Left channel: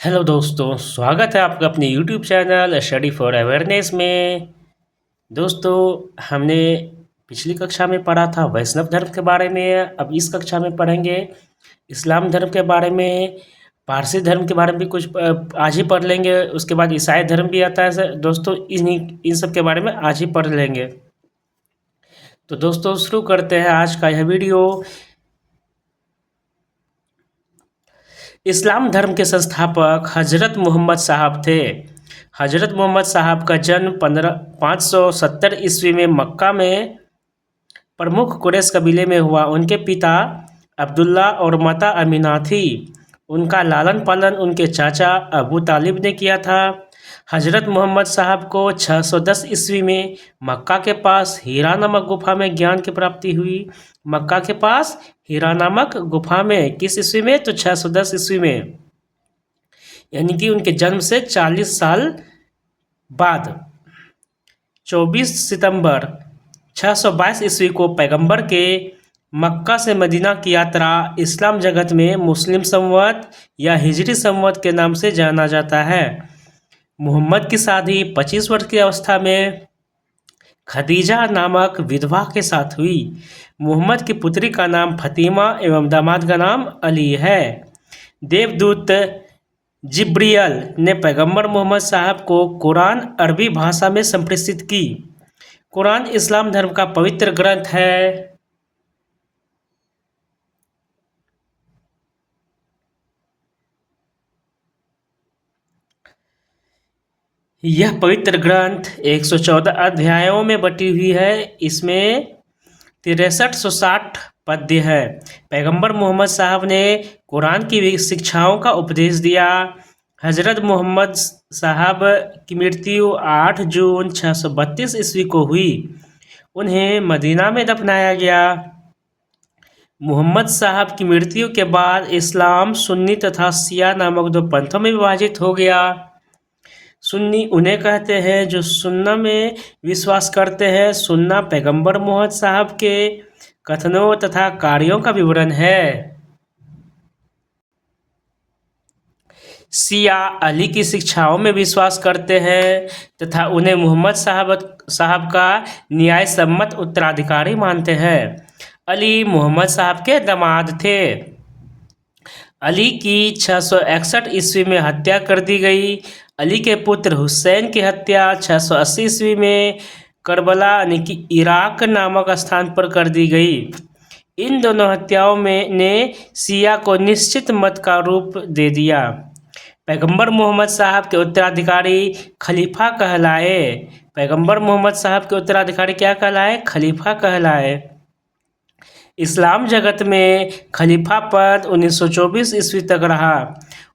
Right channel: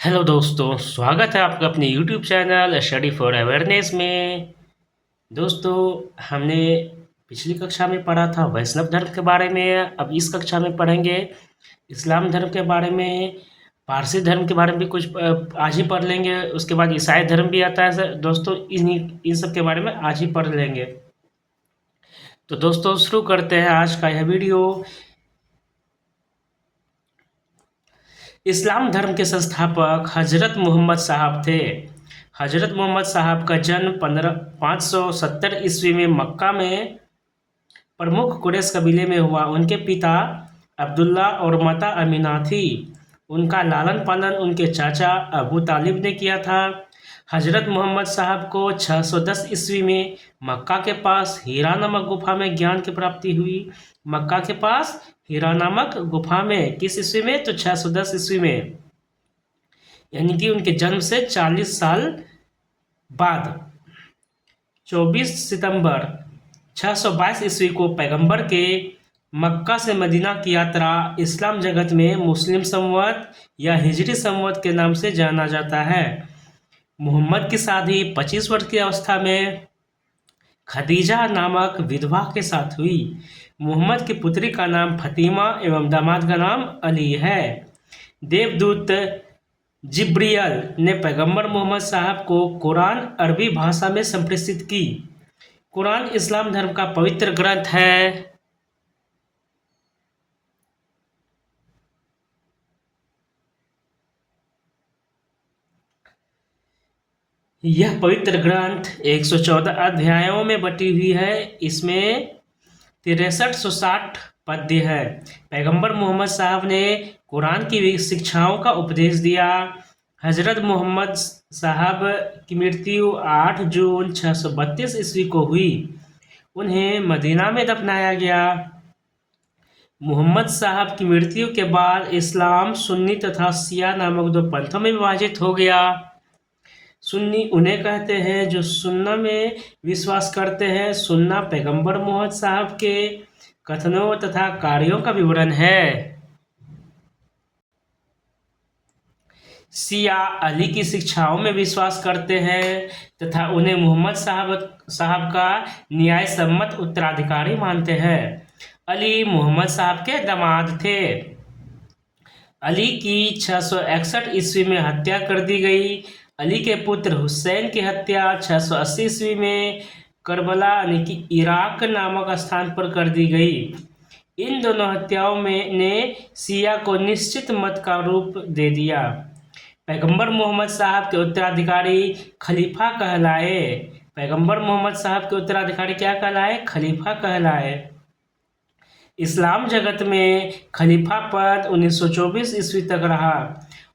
Hello दोस्तों, स्वागत है आपका अपने YouTube channel study for awareness में। दोस्तों, हमने पिछली कक्षा में पढ़ा था वैष्णव धर्म के बारे में। अब इस कक्षा में पढ़ेंगे इस्लाम धर्म के बारे में। पारसी धर्म के बारे में भी कुछ आज ही पढ़ लेंगे। उसके बाद ईसाई धर्म भी आता है दोस्तों, इन सब के बारे में आज ही पढ़ लेंगे। तो दोस्तों, शुरू करते हैं आज का यह वीडियो। इस्लाम धर्म के संस्थापक हजरत मोहम्मद साहब थे। हजरत मोहम्मद साहब का जन्म 570 ईस्वी में मक्का में प्रमुख कुरैश कबीले में हुआ। उनके पिता अब्दुल्ला और माता अमीना थी। उनका लालन पालन उनके चाचा अबू तालिब ने किया था। हजरत मोहम्मद साहब को 610 ईस्वी में मक्का के पास हीरा नामक गुफा में ज्ञान की प्राप्ति हुई। मक्का के पास हीरा नामक गुफा में किस ईस्वी में? तो 610 ईस्वी में, यानी कि उनके जन्म से 40 साल बाद 24 सितंबर 622 ईस्वी को पैगंबर के मक्का से मदीना की यात्रा इस्लाम जगत में मुस्लिम संवत या हिजरी संवत के नाम से जाना जाता है। मोहम्मद की शादी 25 वर्ष की अवस्था में खदीजा नामक विधवा के साथ हुई। मोहम्मद की पुत्री का नाम फतीमा एवं दामाद का नाम अली है। देवदूत जिब्रियल ने पैगंबर मोहम्मद साहब को कुरान अरबी भाषा में संप्रेषित की। कुरान इस्लाम धर्म का पवित्र ग्रंथ है। यह पवित्र ग्रंथ 114 अध्यायों में बटी हुई है। इसमें 6360 पद्य है। पैगंबर मोहम्मद साहब ने कुरान की शिक्षाओं का उपदेश दिया। हजरत मोहम्मद साहब की मृत्यु 8 जून 632 ईस्वी को हुई। उन्हें मदीना में दफनाया गया। मोहम्मद साहब की मृत्यु के बाद इस्लाम सुन्नी तथा शिया नामक दो पंथों में विभाजित हो गया। सुन्नी उन्हें कहते हैं जो सुन्ना में विश्वास करते हैं। सुन्ना पैगंबर मोहम्मद साहब के कथनों तथा कार्यों का विवरण है। शिया अली की शिक्षाओं में विश्वास करते हैं तथा उन्हें मोहम्मद साहब का न्याय सम्मत उत्तराधिकारी मानते हैं। अली मोहम्मद साहब के दामाद थे। अली की 661 ईस्वी में हत्या कर दी गई। अली के पुत्र हुसैन की हत्या 680 ईस्वी में करबला यानी कि इराक नामक स्थान पर कर दी गई। इन दोनों हत्याओं में ने शिया को निश्चित मत का रूप दे दिया। पैगंबर मोहम्मद साहब के उत्तराधिकारी खलीफा कहलाए। पैगंबर मोहम्मद साहब के उत्तराधिकारी क्या कहलाए? खलीफा कहलाए। इस्लाम जगत में खलीफा पद 1924 ईस्वी तक रहा।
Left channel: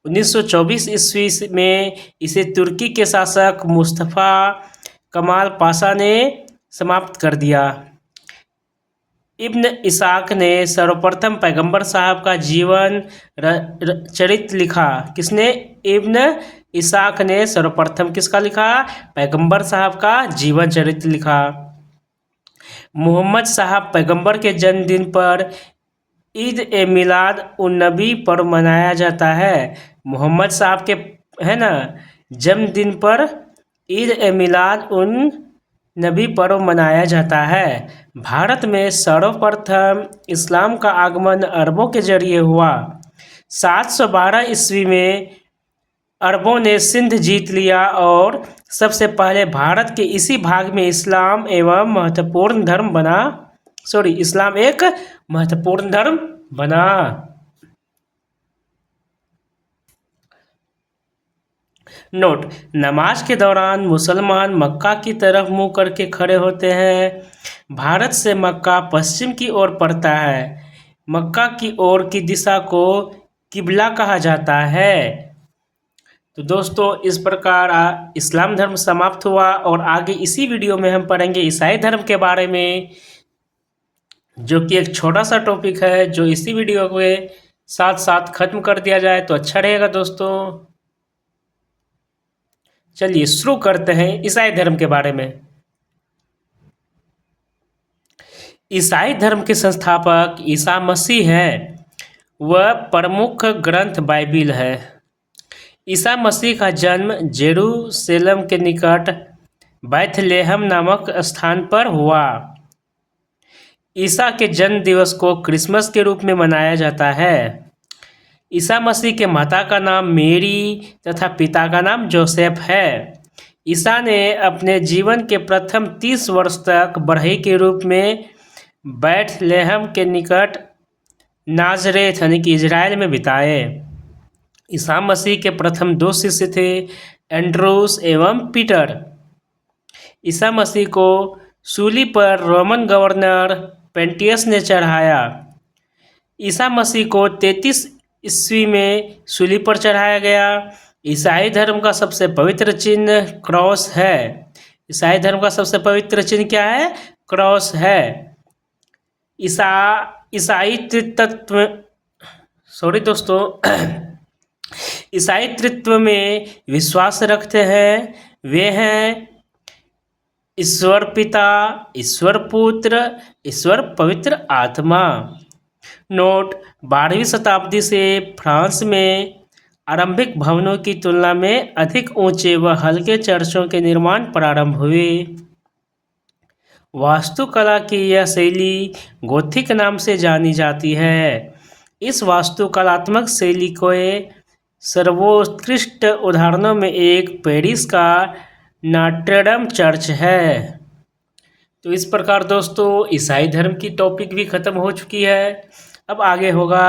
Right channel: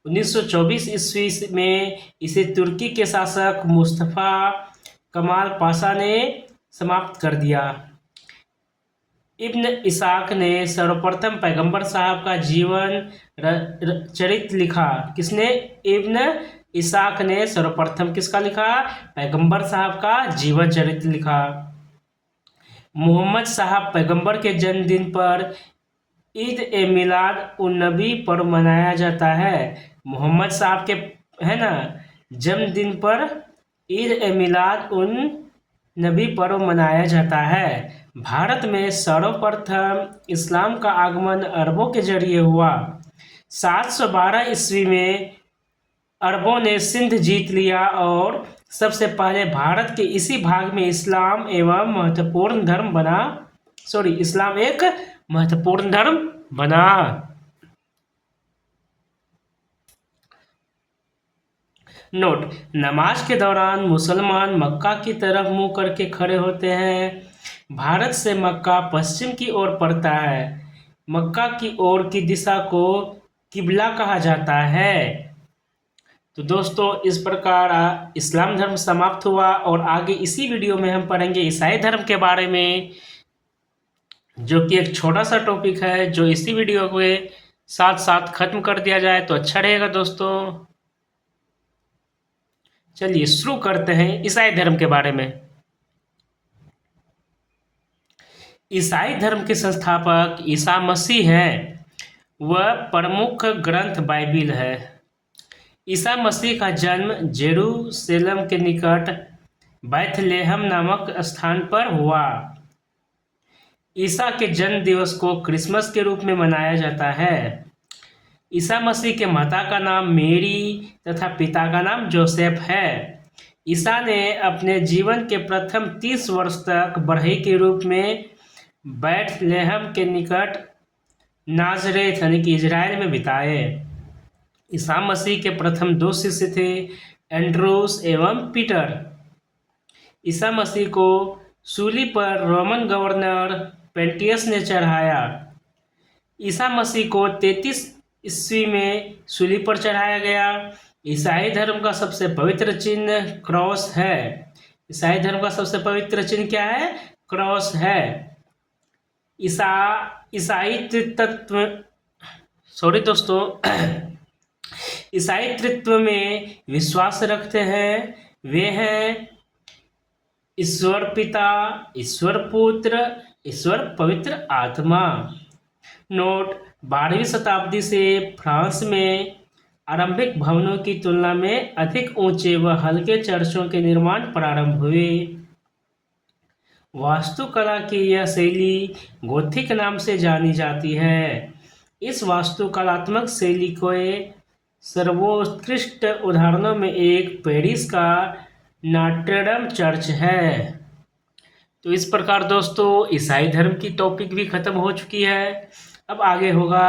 1924 ईस्वी में इसे तुर्की के शासक मुस्तफ़ा कमाल पाशा ने समाप्त कर दिया। इब्न इसाक ने सर्वप्रथम पैगंबर साहब का जीवन चरित्र लिखा। किसने? इब्न इसाक ने सर्वप्रथम किसका लिखा? पैगंबर साहब का जीवन चरित्र लिखा। मोहम्मद साहब पैगंबर के जन्मदिन पर ईद ए मिलाद उन नबी पर्व मनाया जाता है। मोहम्मद साहब के है ना जन्मदिन पर ईद ए मिलाद उन नबी पर्व मनाया जाता है। भारत में सर्वप्रथम इस्लाम का आगमन अरबों के जरिए हुआ। 712 ईस्वी में अरबों ने सिंध जीत लिया और सबसे पहले भारत के इसी भाग में इस्लाम एक महत्वपूर्ण धर्म बना। नोट: नमाज के दौरान मुसलमान मक्का की तरफ मुंह करके खड़े होते हैं। भारत से मक्का पश्चिम की ओर पड़ता है। मक्का की ओर की दिशा को किबला कहा जाता है। तो दोस्तों, इस प्रकार इस्लाम धर्म समाप्त हुआ और आगे इसी वीडियो में हम पढ़ेंगे ईसाई धर्म के बारे में, जो कि एक छोटा सा टॉपिक है जो इसी वीडियो के साथ साथ खत्म कर दिया जाए तो अच्छा रहेगा। दोस्तों, चलिए शुरू करते हैं ईसाई धर्म के बारे में। ईसाई धर्म के संस्थापक ईसा मसीह हैं। वह प्रमुख ग्रंथ बाइबिल है। ईसा मसीह का जन्म जेरूशलेम के निकट बैथलेहम नामक स्थान पर हुआ। ईसा के जन्म दिवस को क्रिसमस के रूप में मनाया जाता है। ईसा मसीह के माता का नाम मेरी तथा पिता का नाम जोसेफ है। ईसा ने अपने जीवन के प्रथम 30 वर्ष तक बढ़ई के रूप में बैथलेहम के निकट नाजरेथ यानी कि इजराइल में बिताए। ईसा मसीह के प्रथम 2 शिष्य थे एंड्रूस एवं पीटर। ईसा मसीह को सूली पर रोमन गवर्नर पेंटियस ने चढ़ाया। ईसा मसीह को 33 ईस्वी में सूली पर चढ़ाया गया। ईसाई धर्म का सबसे पवित्र चिन्ह क्रॉस है। ईसाई धर्म का सबसे पवित्र चिन्ह क्या है? क्रॉस है। ईसाई तत्व ईसाई तत्व में विश्वास रखते हैं। वे हैं ईश्वर पिता, ईश्वर पुत्र, ईश्वर पवित्र आत्मा। नोट: 12वीं शताब्दी से फ्रांस में आरंभिक भवनों की तुलना में अधिक ऊंचे व हल्के चर्चों के निर्माण प्रारंभ हुए। वास्तुकला की यह शैली गोथिक नाम से जानी जाती है। इस वास्तुकलात्मक शैली के सर्वोत्कृष्ट उदाहरणों में एक पेरिस का नॉट्रे-डेम चर्च है। तो इस प्रकार दोस्तों ईसाई धर्म की टॉपिक भी खत्म हो चुकी है। अब आगे होगा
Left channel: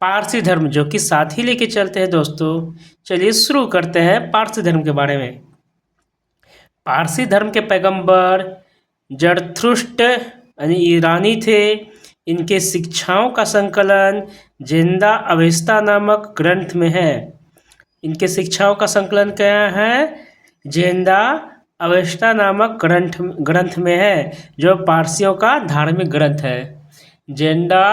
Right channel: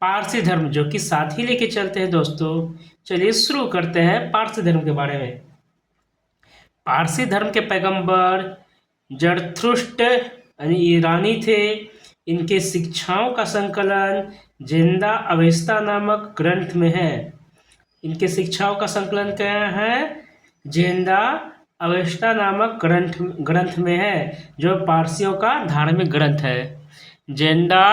पारसी धर्म, जो कि साथ ही लेके चलते हैं दोस्तों। चलिए शुरू करते हैं पारसी धर्म के बारे में। पारसी धर्म के पैगंबर जरथुष्ट्र यानी ईरानी थे। इनके शिक्षाओं का संकलन ज़िंदा अवेस्ता नामक ग्रंथ में है। इनके शिक्षाओं का संकलन क्या है? ज़िंदा अवेस्ता नामक ग्रंथ में है, जो पारसियों का धार्मिक ग्रंथ है। ज़िंदा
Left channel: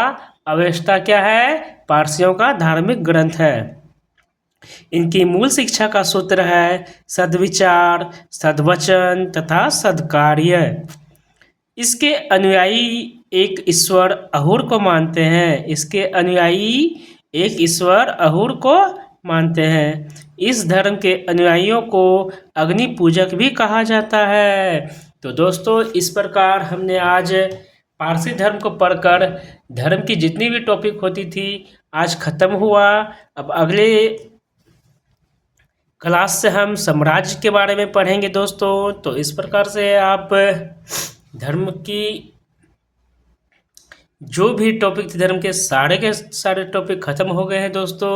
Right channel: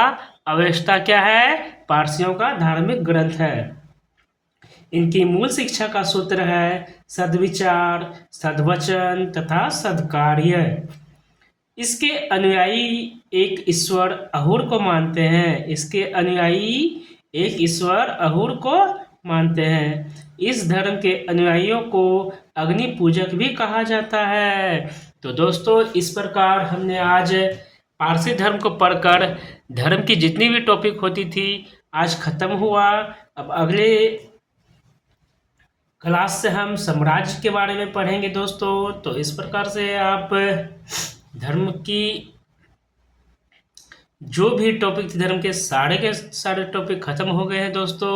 अवेस्ता क्या है? पारसियों का धार्मिक ग्रंथ है। इनकी मूल शिक्षा का सूत्र है सद्विचार, सद्वचन तथा सद्कार्य। इसके अनुयायी एक ईश्वर अहूर को मानते हैं। इस धर्म के अनुयायियों को अग्नि पूजक भी कहा जाता है। तो दोस्तों इस प्रकार हमने आज पारसी धर्म को पढ़कर धर्म की जितनी भी टॉपिक होती थी आज खत्म हुआ। अब अगले क्लास से हम साम्राज्य के बारे में पढ़ेंगे दोस्तों। तो इस प्रकार से आप धर्म की जो भी टॉपिक थे धर्म के सारे टॉपिक खत्म हो गए हैं दोस्तों।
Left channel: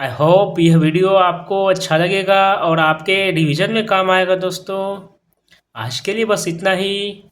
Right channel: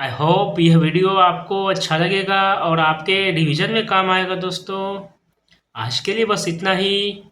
आई होप यह वीडियो आपको अच्छा लगेगा और आपके रिवीजन में काम आएगा दोस्तों। आज के लिए बस इतना ही।